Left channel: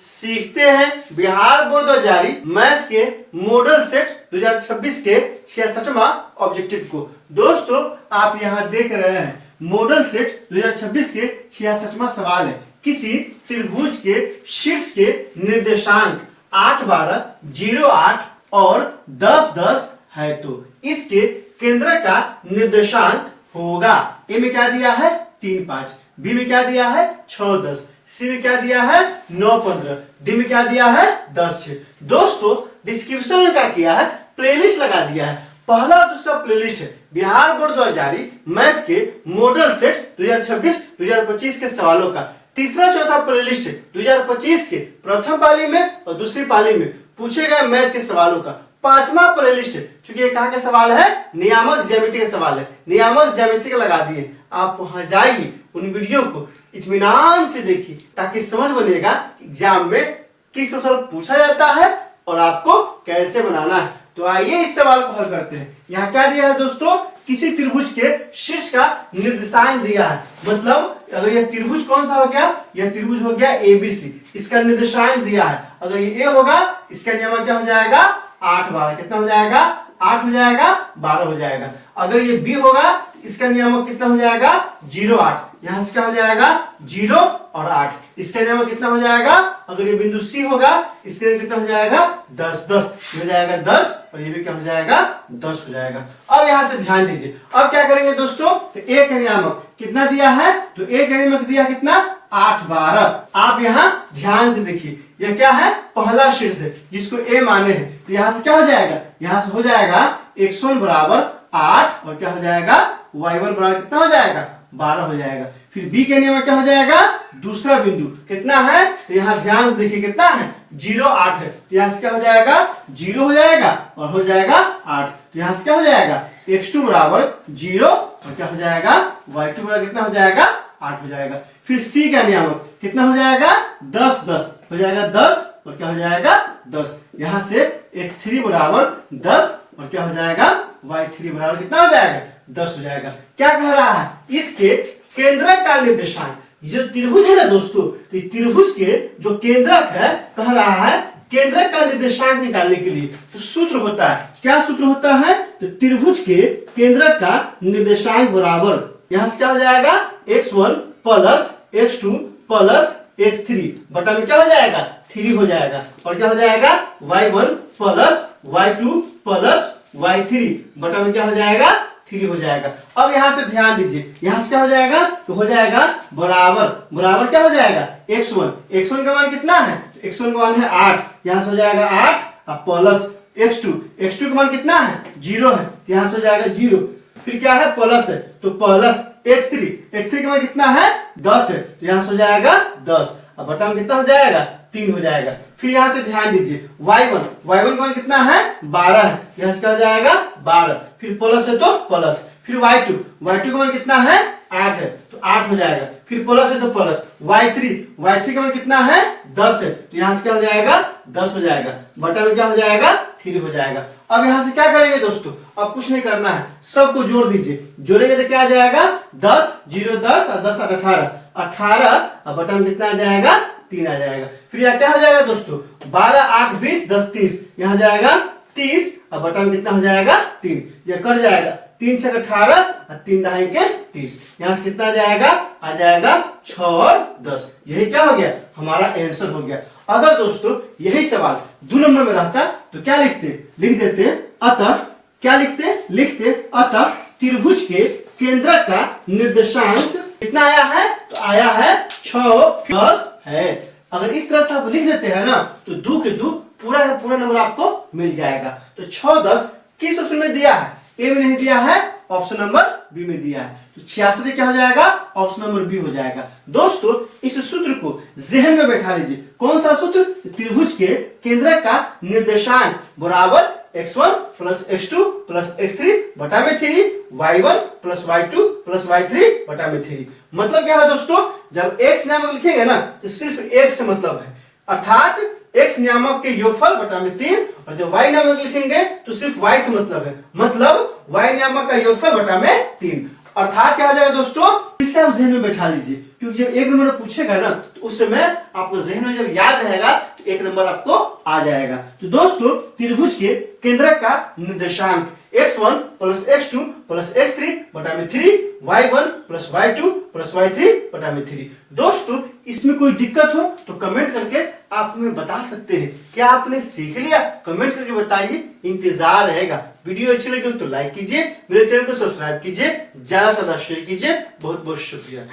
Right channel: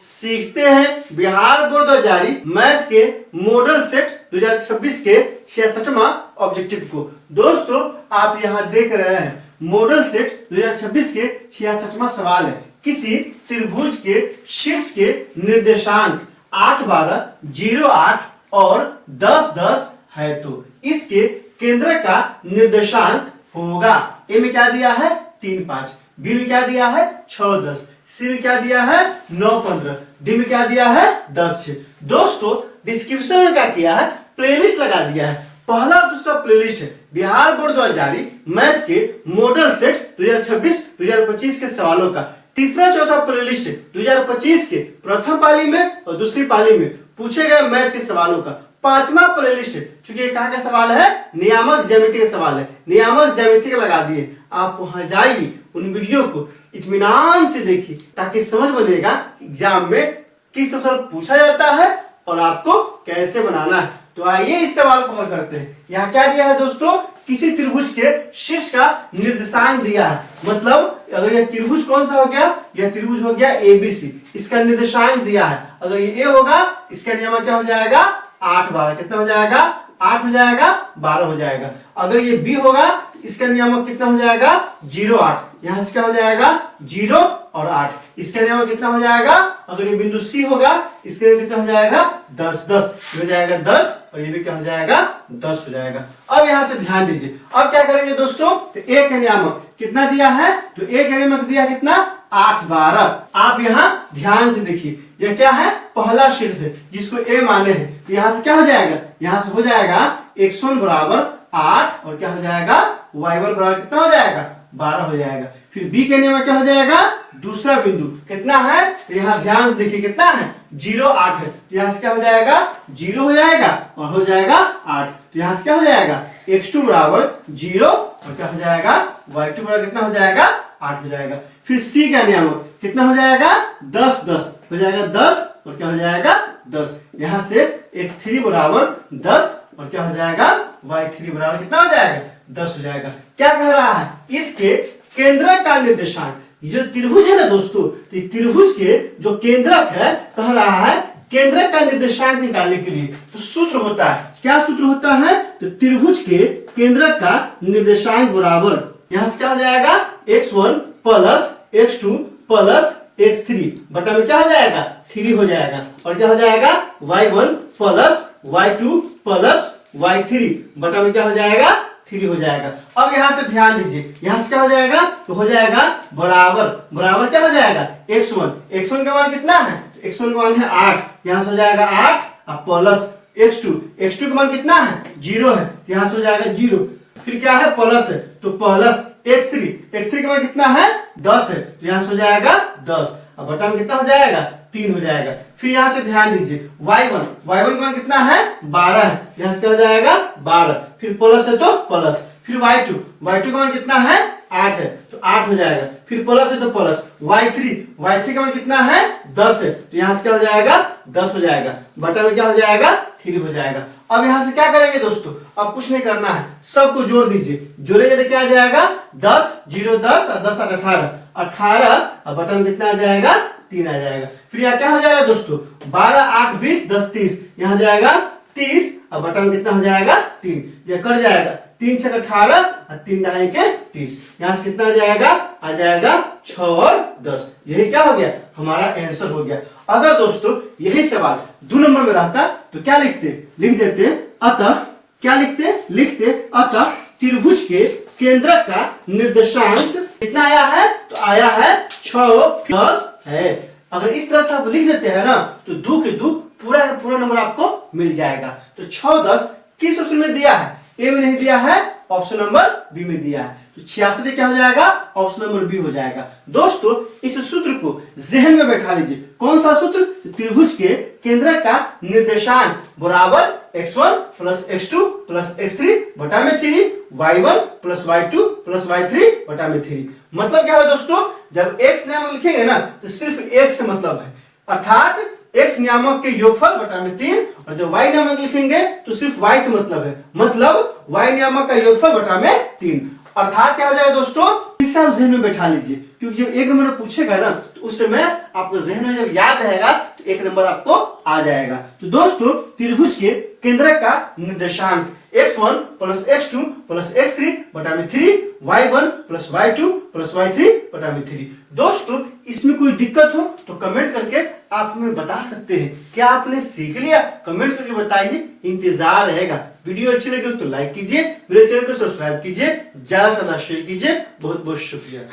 सीखते हैं बिहार बोर्ड द्वारा जारी मैथ के मॉडल सेट 2026 के 66वां ऑब्जेक्टिव को। दोस्तों आप यहाँ देख रहे हैं मॉडल सेट 2026 के 66वां सवाल है। किसी त्रिभुज के शीर्ष के निर्देशांक 8, 12, 0, 8 और 10, 10 है तो इसके केंद्र का निर्देशांक होगा। ए में क्या दिया है 3, 5, बी में क्या दिया है 6, 10, सी में क्या दिया है 9, 15, डी में क्या दिया है 10, 6। दोस्तों डिस्क्रिप्शन में क्या किया है प्लेलिस्ट लगा दिया है। पहला और दूसरा प्लेलिस्ट है बिहार बोर्ड द्वारा जारी मैथ के मॉडल सेट 2026-2025 के सवालों का। तीसरा चौथा प्लेलिस्ट है 2025 के प्रथम पाली में और दूसरी पाली में पूछे गए मैथ के सवालों का। पांचवा प्लेलिस्ट है चूंकि ये कहाँ का सवाल है नियामक ज्यामिति का सवाल है, नियामक ज्यामिति का लगा दिए। आप वहां जाइए उन वीडियो को इत्मीनान से देखिए ताकि समझ बनेगा एग्जाम में किस सवाल पूछा जाता है और आपको कैसे बनाना है। तो आइए इस सवाल को हल करते हैं। यहाँ क्या दिया है दोस्तों, किसी त्रिभुज के शीर्ष का निर्देशांक दिया है। मतलब अगर यह त्रिभुज कौन सा हो गया, यह त्रिभुज हो गया ABC, इसका निर्देशांक दिया है। अगर ये A होगा इसका नियम क्या हो जाएगा 8, 12, कितना हो जाएगा 8 हो जाएगा 12 हो जाएगा। अगर ये B होगा इसका नियामक कितना हो जाएगा 0, 8, यहां से क्या हो जाएगा 0 और 8, इसका नियामक कितना हो जाएगा। अगर ये बिंदु C होगा इसके लिए कितना हो जाएगा 10, 10 ये हो जाएगा 10 और ये भी क्या हो जाएगा 10 हो जाएगा। अब यहां से ध्यान दीजिए, अब क्या करेंगे दोस्तों, तो A का नियामक कितना दिया है, तो A का नियामक दिया कितना 8, 12। आप यहाँ ध्यान से देखिए यह क्या है पहला शीर्ष है जिसको A माने हैं। तो यहाँ से क्या हो जाएगा, यहाँ से हो जाएगा x1 बराबर 8 और क्या हो जाएगा y1 बराबर कितना हो जाएगा 12 हो जाएगा। फिर B के नियम में क्या हो जाएगा दूसरा बिंदु कितना है, तो यहाँ ध्यान से देखिए कितना है 0, 8 है। तो यहाँ से क्या हो जाएगा 0 हो जाएगा और हो जाएगा 8। तो यहाँ से क्या हो जाएगा x2 बराबर 0 और क्या हो जाएगा y2 बराबर कितना हो जाएगा 8 हो जाएगा। फिर C का नियम कितना हो जाएगा 10, 10 हो जाएगा 10 और क्या हो जाएगा 10। यहाँ से x3 बराबर 10 और क्या हो जाएगा y3 बराबर कितना हो जाएगा 10 हो जाएगा। क्या कह रहा है, इसके केंद्रक का निर्देशांक, जो त्रिभुज है ना दोस्तों, तो त्रिभुज के जो केंद्रक है कह रहा है केंद्रक का निर्देशांक निकालने के लिए तो सूत्र होता है, क्या सूत्र होता है, तो त्रिभुज के केंद्रक का निर्देशांक बराबर यहाँ से क्या हो जाएगा x1 plus x2 plus x3 बटा में क्या हो जाएगा 3 हो जाएगा और क्या हो जाएगा y1 plus y2 plus y3 बटा में क्या हो जाएगा 3 हो जाएगा। अब यहाँ से ध्यान दीजिए, यहाँ से क्या हो जाएगा, तो हो जाएगा बराबर, बराबर क्या हो जाएगा x1 का मान कितना है, तो x1 का मान है 8, यहाँ से हो जाएगा 8 और प्लस x2 का मान कितना है 0 है, यहाँ से हो जाएगा 0। फिर क्या है प्लस है तो प्लस x3 का मान कितना है 10 है, तो यहाँ से हो जाएगा 10 और बटा में कितना हो जाएगा 3 हो जाएगा। फिर यहाँ से ध्यान दीजिए y1 का मान कितना है 12 है, यहाँ से क्या हो जाएगा 12, फिर प्लस है तो प्लस, फिर y2 का मान कितना है 8 है तो 8 हो जाएगा, फिर प्लस है तो प्लस, y3 का मान कितना है 10 है तो यहाँ से क्या हो जाएगा 10 हो जाएगा, बटा में क्या हो जाएगा 3 हो जाएगा। अब यहाँ से क्या करेंगे दोस्तों, अब कुछ नहीं करना है, सबको जोड़ दीजिए, जोड़ेंगे तो क्या आ जाएगा 10, 0, 10 और 10 और 18 और बटा में कितना आ जाएगा 3 आ जाएगा। फिर यहाँ क्या हो जाएगा दोस्तों 12, 8, 20, 10, 30, यहाँ जाएगा 30 और बटा में कितना हो जाएगा 3, यह कट जाएगा 3 से 18 और 3 दहाई के 30, यहाँ से कितना आ जाएगा 6 और 10। यही क्या हो गया हमारा आंसर हो गया। अगर दोस्तों यही सवाल 2 नंबर में रहता तो क्या लिख देते अतः क्या लिखते अतः त्रिभुज के केंद्र का निर्देशांक कितना आया है, तो आया है 6, 10 है। अगर इस तरह से आप लिख देते हैं ना तो 2 के 2 पूरा का पूरा नंबर आपको मिल जाएगा। तो 6, 10 किस ऑप्शन में दिया है, ए में नहीं दिया है, ऑप्शन नंबर बी में दिया है, तो 66 क्या हो जाएगा ऑप्शन नंबर बी हो जाएगा। दोस्तों इस सूत्र को जहन में बैठा लीजिए, कौन सा सूत्र, त्रिभुज के केंद्रक का निर्देशांक बराबर x1 plus x2 plus x3 बटा में 3, y1 plus y2 plus y3 बटा में 3। मतलब क्या है दोस्तों, जब x नामक लिखेंगे ना तो सिर्फ x से मतलब है, अर्थात x नियामक के योगफल बटा में 3, और जब y नामक लिखेंगे तो सिर्फ y से मतलब है, मतलब y नियामक का योगफल बटा में 3। अर्थात क्या हो जाएगा दोस्तों, इससे आप जहन में बैठा लीजिए, क्योंकि जब 1 नंबर पूछेगा ना तो उस समय आपको जहन में जब याद रहेगा तो 1 नंबर आपको आ जाएगा। तो दोस्तों त्रिभुज के केंद्रक का निर्देशांक x1 plus x2 plus x3 बटा में 3, y1 plus y2 plus y3 बटा में 3। दोस्तों इसमें कोई दिक्कत हो तो कमेंट करके आप हमें बता सकते हैं। क्या आपने सीख लिया? कमेंट करके बताइए, इंतजार रहेगा। वीडियो अच्छी लगी तो लाइक कीजिए, मेरे चैनल को सब्सक्राइब कीजिए, ज्यादा से ज्यादा शेयर कीजिए। बहुत बहुत शुक्रिया।